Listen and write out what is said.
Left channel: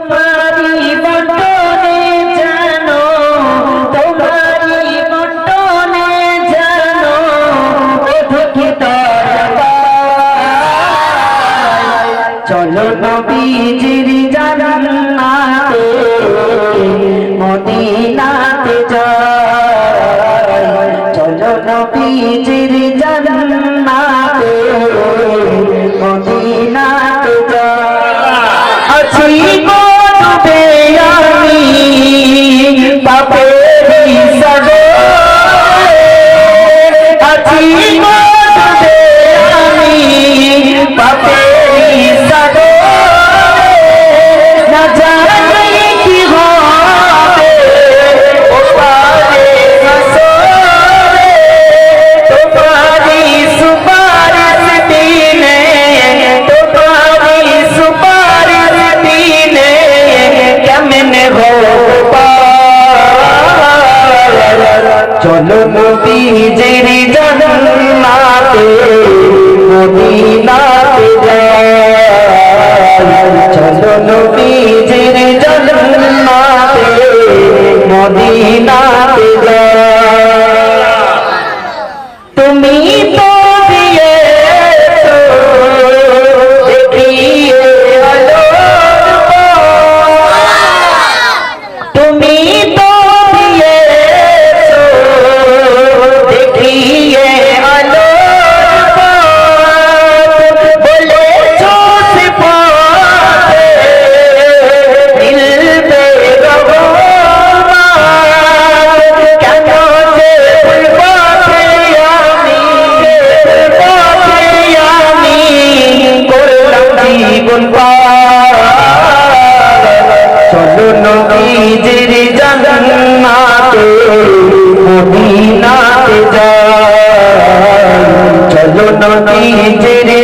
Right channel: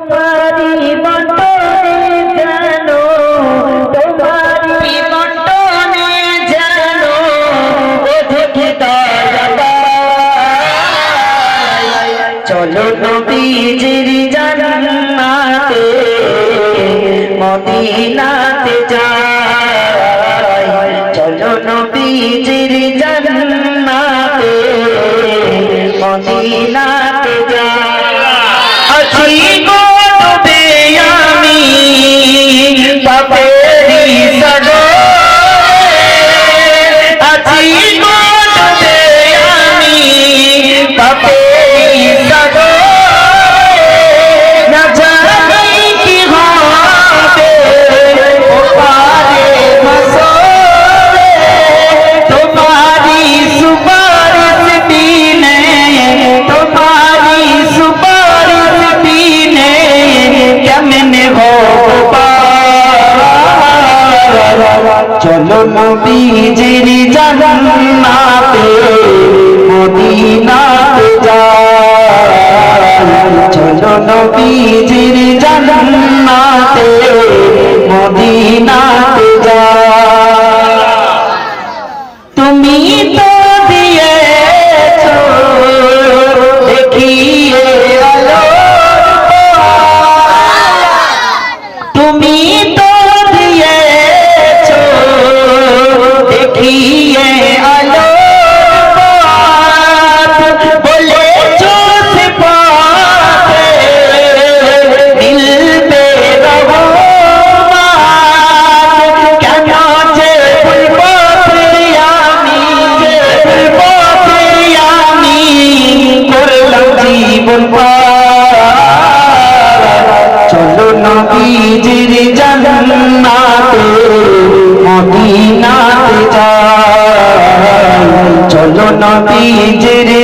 তোমারি বটনে জানো, তোমারি বটনে জানো, দেখে দয়া চলো নবীজির জান্নাতে মদিনাতে যাই, চলো নবীজির জান্নাতে মদিনাতে যাই। আছি গো ডুবে আমি পাপেরই সাগরে, আছি গো ডুবে আমি পাপেরই সাগরে, না জানি কি হবে ওপারে হাসরে, তোমারি সুপারিশ দিনে, তোমারি সুপারিশ দিনে কেমনে হবে। চলো নবীজির জান্নাতে মদিনাতে যাই, চলো নবীজির জান্নাতে মদিনাতে যাই। তুমি তো দিয়েছো দেখিয়ে আলোর পথ, তুমি তো দিয়েছো দেখিয়ে আলোর পথ, বলেছো সে পথে মিলবে রহমত, কেন যে ভুল পথে আমি, ভুল পথে আমি করলাম জীবন পার। চলো নবীজির জান্নাতে মদিনাতে যাই, চলো নবীজির